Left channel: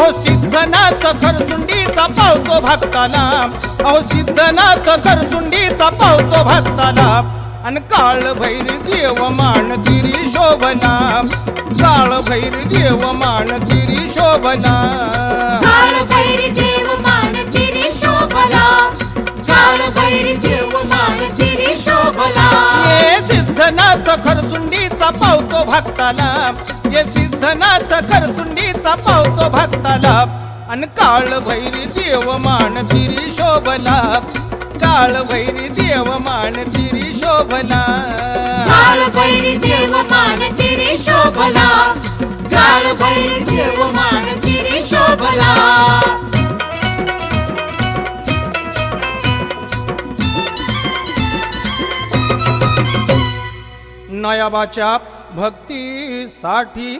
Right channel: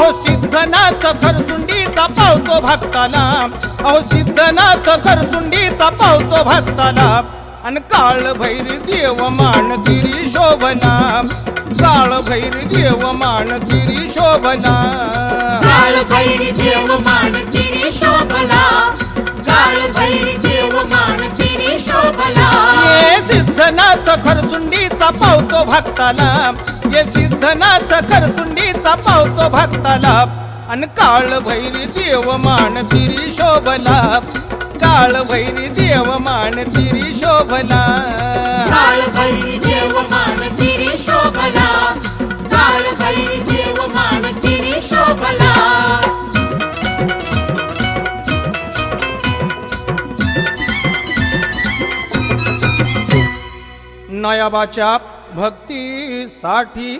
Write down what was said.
अहो सिद्धनाथ खरसुंडीचा पावतो भक्ताला, अहो सिद्धनाथ खरसुंडीचा पावतो भक्ताला. अन काळ भैरी देव मान तिरी शोभना, काळ भैरी देव मान तिरी शोभना. काळ भैरी देव मान तिरी शोभना, काळ भैरी देव मान तिरी शोभना. ये सिद्धनाथ खरसुंडीचा पावतो भक्ताला, ये सिद्धनाथ खरसुंडीचा पावतो भक्ताला. अन काळ भैरी देव मान तिरी शोभला, काळ भैरी देव मान तिरी शोभला. काळ भैरी देव मान तिरी शोभना, काळ भैरी देव मान तिरी शोभना. नयाबाच्या भक्तीसाठी